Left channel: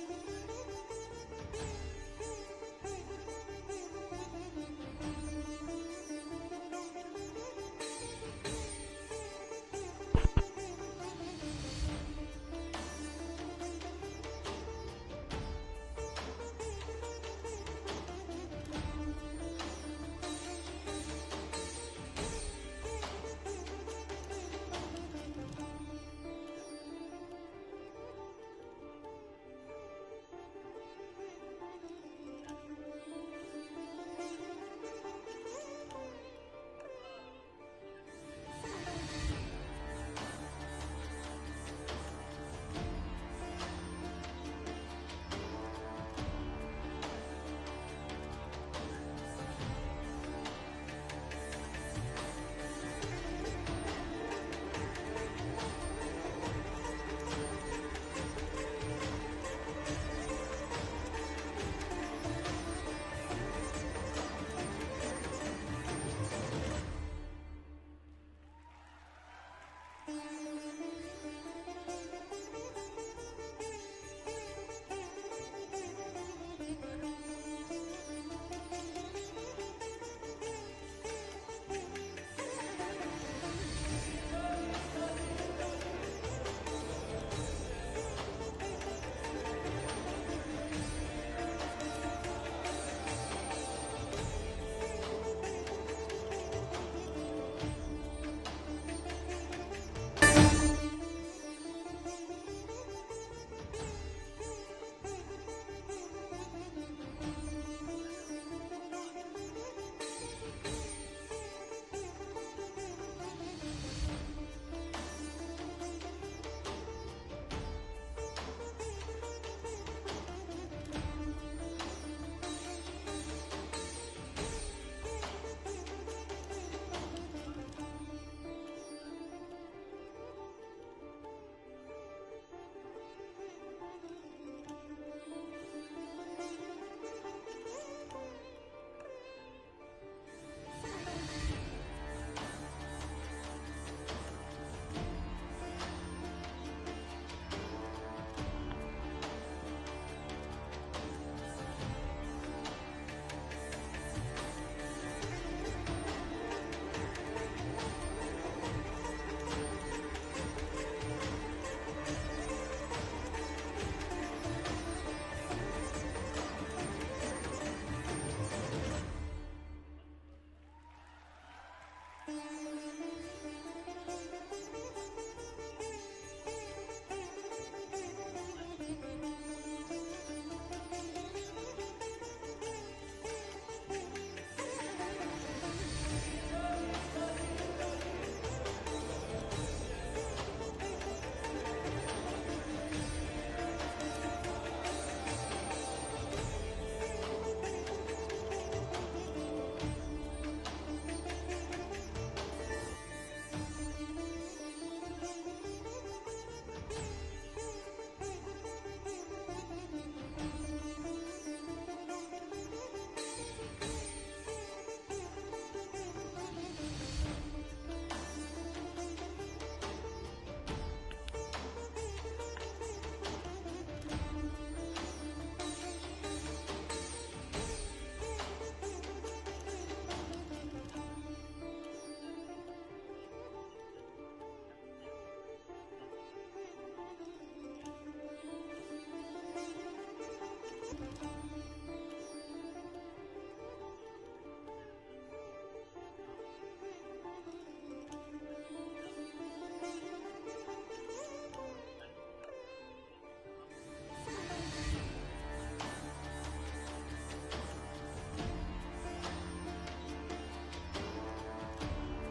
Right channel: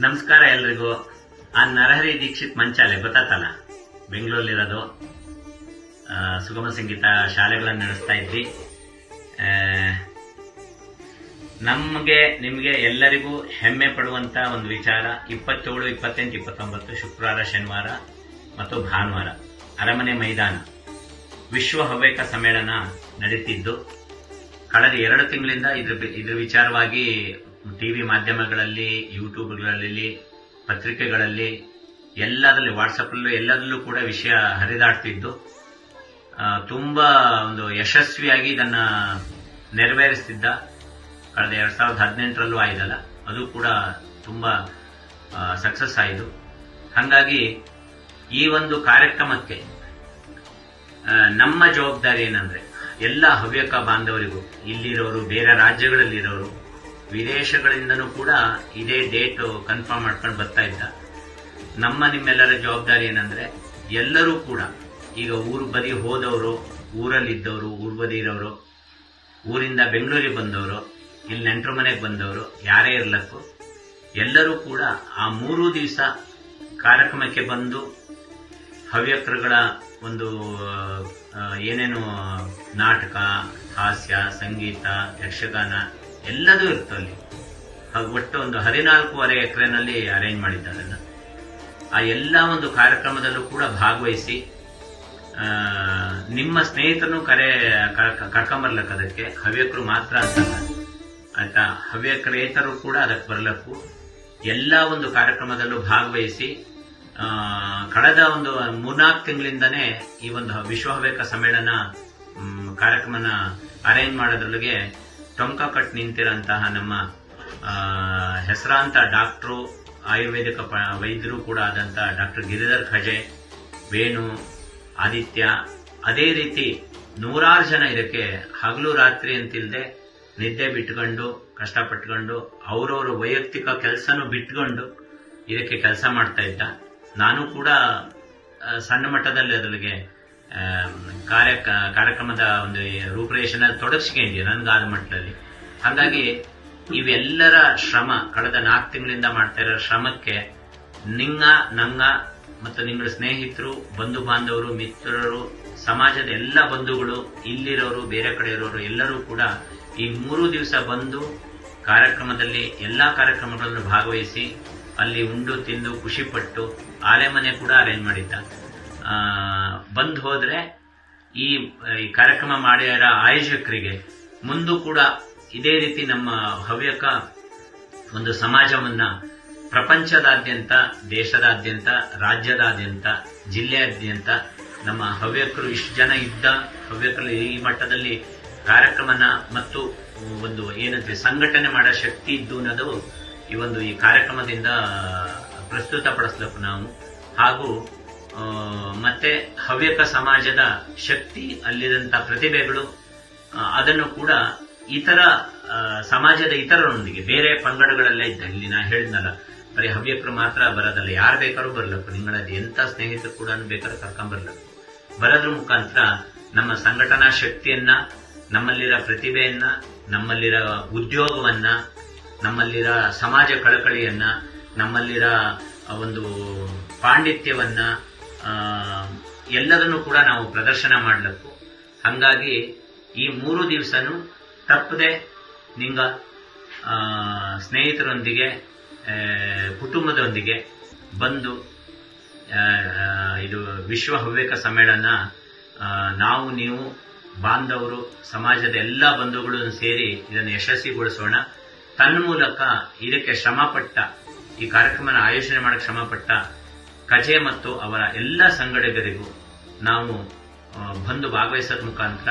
ನಮಸ್ಕಾರ ಎಲ್ರಿಗೂ. ಆ ನರಹರಿ ದೀಕ್ಷಿತ್ ಮಂಚಾಲೆ, ಗೊತ್ತಾತಲ್ಲ? ಬೆಂಗಳೂರಲ್ಲಿರೋದು. ಸುಗಮ ಸಂಗೀತ ಶಾಲೆಗಳನ್ನು ನಡೆಸ್ತಾ ಇದ್ವಿ. ನಮಗೆ, ನಿಮಗೆ ಎಲ್ಲರಿಗೂ ಹೆಮ್ಮೆ ಪಡುವಂತ ಒಂದು ವಿಚಾರ. ಇಪ್ಪತ್ತೇಳು, ಇಪ್ಪತ್ತೆಂಟು, ಇಪ್ಪತ್ತೊಂಬತ್ತು, ಶುಕ್ರವಾರ, ಶನಿವಾರ ಮತ್ತು ಭಾನುವಾರ ಅರಮನೆ ಮೈದಾನ. ವಿಶ್ವ ಹವ್ಯಕ ಸಮ್ಮೇಳನ ನಡೀತಿದ್ದು. ಕಳೆದ ಎರಡು ತಿಂಗಳಿಂದ ಇದ್ರ ಇದ್ರ ವಿಚಾರವಾಗಿ ಟಿವಿ ಮಾಧ್ಯಮಗಳಲ್ಲಿ, ಯೂಟ್ಯೂಬ್ಗಳಲ್ಲಿ, ಪತ್ರಿಕೆಗಳಲ್ಲಿ, ಎಲ್ಲದರಲ್ಲಿ ವಾಟ್ಸಪ್ಪಲ್ಲೂ ಎಲ್ಲದರಲ್ಲೂ ಕೂಡ ವಿಷಯ ಹರಿದಾಡ್ತಿದ್ದು. ತುಂಬ ಒಂದು ಯಶಸ್ವಿಯಾಗಿ ಇದನ್ನ ನೆರವೇರಿಸ್ತಿದ್ದ, ಕಳೆದ ಎರಡು ಸಾವಿರದ ಹದಿನೆಂಟರಲ್ಲೂ ಆಯ್ತಲ್ಲ, ಅದು ಕೂಡ ತುಂಬಾ ಸಕ್ಸಸ್ ಆಯಿತು. ಹಾಗಾಗಿ ಈ ಒಂದು ಕಾರ್ಯಕ್ರಮಕ್ಕೆ ನಮ್ಮ ಜವಾಬ್ದಾರಿ ಏನಂದ್ರೆ, ಎಲ್ಲ ಹವ್ಯಕ ಬಾಂಧವರಿಗೂ, ಇಲ್ಲಿರೋರು, ಬೇರೆ ರಾಜ್ಯಗಳಲ್ಲಿರೋರು ವಿದೇಶಗಳಿಂದನೂ ಕೂಡ ಇದೇ ಡೇಟ್ ಕನ್ಫರ್ಮ್ ಮಾಡ್ಕೊಂಡು ಬರ್ತಾ ಇದ್ದ. ನಮ್ಮ ನಿಮ್ಮೆಲ್ಲರ ಜವಾಬ್ದಾರಿ ಏನಂದ್ರೆ, ಎಲ್ಲರೂ ಕೂಡ, ಈಗ ಊರು ಬದಿ ಹೋದವರು, ಊರಲ್ಲಿದ್ದವರು, ಊರ್ ಬದಿ ಇರೋರು, ಊರಿಂದ ಬೆಂಗಳೂರಿಗೆ ಬಂದವರು, ಇಲ್ಲಿ ನೆಂಟರ ಮನೆಗೆ ಬಂದವರು, ಯಾರೇ ಇರ್ಲಕ್ಕೂ, ಎಲ್ಲರೂ ಕೂಡ ಆ ಮೂರು ದಿವಸ ಕಾರ್ಯಕ್ರಮಕ್ಕೆ ಬಂದು ಹವ್ಯಕರುಗಳ ಒಂದು ಏನೇನು ನಾಟಕ, ಹಾಸ್ಯ, ಸಂಗೀತ, ಯಕ್ಷಗಾನ ಎಲ್ಲದೂ ಇರ್ತಲ್ಲಿ ಅದು ಒಟ್ಟು ಒಂದು ಹದಿನಾಲ್ಕೂವರೆ ಎಕರೆನಲ್ಲಿ ಅರೇಂಜ್ ಮಾಡಿದ್ದಾರೆ. ಆ ಎಲ್ಲ ಒಂದು ಕಾರ್ಯಕ್ರಮದಲ್ಲೂ ಕೂಡ ಭಾಗವಹಿಸಿ ನಿಮ್ಮ ಸ್ನೇಹಿತರನ್ನು ಕರೆ ಕರ್ಕ- ಕರ್ಕೊಂಬರ್ಲಕ್ಕ ಅದಕ್ಕೆ ಹವ್ಯಕರು ಮಾತ್ರ. ಆಯ್ತಾ ಹವ್ಯಕರೇತರು ಕೂಡ ಅದಕ್ಕೆ ಬರ್ಲಕ್ಕು ಎಲ್ಲ ಒಂದು ಕಾರ್ಯಕ್ರಮದಲ್ಲೂ ಭಾಗವಹಿಸಿ ಕಳೆದ ಒಂದು ಮೂರ್ನಾಲ್ಕು ತಿಂಗಳಿಂದನೇ ಈ ಒಂದು ವಿಶ್ವ ಹವ್ಯಕ ಸಮ್ಮೇಳನ ಕಾರ್ಯಕ್ರಮನ ಅರೇಂಜ್ ಮಾಡೋದ್ರೊಳಗೆ ಟೊಂಕ ಕಟ್ ನಿಂತಿರೋಂತಹ ನಮ್ಮ ಹೆಸರಾಂತ ಡಾಕ್ಟ್ರು, ಆಯುರ್ವೇದಿಕ ಪ- ವೈದ್ಯರು ಕೂಡ ಆದಂಥ ಡಾಕ್ಟರ್ ಗಿರಿಧರ್ ಖಜೆ, ವೇಣು, ಆದಿತ್ಯ, ಅದೇ ರೀತಿ ನೂರಾರು ಜನ ಇದಕ್ಕೆ ಹಗಲು ರಾತ್ರಿ ಅಂತಿಲ್ಲದೆ ನಿದ್ದೆ ಬಿಟ್ಕೊಂಡು, ಕಷ್ಟಪಟ್ಕೊಂಡು, ಅವರವರ ವೈಯಕ್ತಿಕ ಕೆಲಸನೂ ಬಿಟ್ಕೊಂಡು ಇದಕ್ಕೆ ಕೆಲಸ ಮಾಡ್ತಾ ಇದ್ದ. ನಾನು ಕೂಡ ಸಣ್ಣ ಮಟ್ಟದಲ್ಲಿ ಅದರಿಗೆ ಕಾರ್ಯ, ಕಾರ್ಯಕ್ರಮದ ಒಂದು ರೂಪರೇಷನಲ್ಲಿ ನನ್ಗೆ ಆದ ಮಟ್ಟದಲ್ಲಿ. ಹಾಗಾಗಿ ಇವೆಲ್ಲರ ಶ್ರಮ, ಕಳೆದ ನಾಲ್ಕು ತಿಂಗಳಿಂದ ಮಾಡ್ತಾ ಇರೋ ಶ್ರಮಕ್ಕೆ ನಿಂಗ, ನಂಗ ಮತ್ತು ನಿಮ್ಮ ಸ್ನೇಹಿತರು ಬಂಧು ಬಾಂಧವರು ಮಿತ್ರರು, ಸಮಾಜದ ಎಲ್ಲ ಬಂಧುಗಳು, ಇಲ್ಲಿರೋರು, ಬೇರೆ ಕಡೆ ಇರೋರು ಎಲ್ಲರೂ ಕೂಡ ಈ ಮೂರು ದಿವಸ ಬಂದು ಕಾರ್ಯಕ್ರಮದಲ್ಲಿ ಎಲ್ಲ ಕಾರ್ಯಕ್ರಮಗಳನ್ನು ಭಾಗವಹಿಸಿ ಅಲ್ಲಿ ಉಂಡು, ತಿಂದು, ಖುಷಿಪಟ್ಟು ಆಲೆಮನೆ ಕೂಡ ಅರೇಂಜ್ ಮಾಡಿದ್ದ. ಬಂದ್ ಹೋದ್ರೆ ಈ ಕಾರ್ಯಕ್ರಮ ಮಾಡಿರೋ ಆಯೋಜಕರಿಗೆ, ಮುಂದೂ ಕೂಡ ಇದೇ ರೀತಿ ನಮ್ಮ ಹವ್ಯಕ ಒಂದು ಸಮಾಜವನ್ನ ಪ್ರಪಂಚದಾದ್ಯಂತ, ದೇಶದಾದ್ಯಂತ, ರಾಜ್ಯದಾದ್ಯಂತ, ಜಿಲ್ಲೆಯಾದ್ಯಂತ ನಮ್ಮ ಹವ್ಯಕರು ಇಷ್ಟು ಜನ ಇದ್ದ ಹವ್ಯಕರು ಈ ಮಟ್ಟದಲ್ಲಿ ಕಾರ್ಯಕ್ರಮನ ಮತ್ತು ಒಂದು ಏನಂತೆ ಸಂಘಟನೆ ಮಾಡೋ ಶಕ್ತಿ ಇದ್ದು ಅನ್ನೋದು ಈ ಒಂದು ಈ ಕಾರ್ಯಕ್ರಮದಿಂದ ಪ್ರಸ್ತುತಪಡಿಸ್ಬೇಕು ನಾವು. ಹಾಗೂ ಮತ್ತೆ ಹವ್ಯಕ ಸಮಾಜದ ಶಕ್ತಿ ಅಲ್ಲಿದಂಥ ಪ್ರತಿಭೆಗಳು ಅದನ್ನು ಕೂಡ ಇತರ ಸಮಾಜದ ಇತರರೊಂದಿಗೆ, ಬೇರೆ ಪಂಗಡಗಳಲ್ಲೇ ಇದ್ದ, ಇಲ್ಲಿ ನಾ ಹೇಳಿದ್ನಲ್ಲ, ಬರೀ ಹವ್ಯಕರು ಮಾತ್ರ ಬರೋದಲ್ಲ, ಯಾರು ಬೇಕಾದ್ರೂ ಬರಲಪ್ಪ, ನಿಮ್ಮಲ್ಲಿ ಎಂಥ ಸ್ನೇಹಿತರು ಕೂಡ ಬೇಕಾದ್ರೂ ಕರ್ಕೊಂಬರ್ಲಪ್ಪ ಬರೋದ್ರ ಮುಖಾಂತರ ನಮ್ಮ ಸಂಘಟನಾ ಶಕ್ತಿಯನ್ನ, ನಮ್ಮಲ್ಲಿರೋ ಪ್ರತಿಭೆಯನ್ನ, ನಮ್ಮಲ್ಲಿರ ಉದ್ಯೋಗವನ್ನ, ನಮ್ಮಲ್ಲಿರೋ ಸಮಾಜ ಕಳಕಳಿಯನ್ನ, ನಮ್ಮಲ್ಲಿರೋ ಒಂದು ಪಾಂಡಿತ್ಯವನ್ನ ಎಲ್ಲದನ್ನು ಕೂಡ ನಾವು ಪ್ರದರ್ಶನ ಮಾಡಲಕ್ಕು. ಹಂಗಾಗಿ ಈ ಮೂರು ದಿವಸನೂ ತಪ್ಪದೆ ನಿಂಗ ಸ್ನೇಹಿತರೊಂದಿಗೆ ಕುಟುಂಬದೊಂದಿಗೆ ಬಂದು ಇದು ವಿಶ್ವ ಹವ್ಯಕ ಸಮ್ಮೇಳನ ನಾವು, ನೀವು, ಬಾಂಧವರು, ಸಮಾಜದ ಎಲ್ಲ ಬಂಧುಗಳು ಸೇರಿ ಇದನ್ನು ಯಶಸ್ವಿಗೊಳಿಸೋಣ. ತನ್ಮೂಲಕ ಇದಕ್ಕೆ ಶ್ರಮಪಟ್ಟ, ಈ ಕಾರ್ಯಕ್ರಮನ ಆಯೋಜನೆ ಮಾಡಕ್ಕೆ ಶ್ರಮಪಟ್ಟ ಕಜೆ ಮತ್ತು ಅವರ ಎಲ್ಲ ಸಂಗಡಿಗರಿಗೂ ನಾವು ಬಂದು ಭಾಗವಹಿಸೋದ ಮುಖಾಂತರ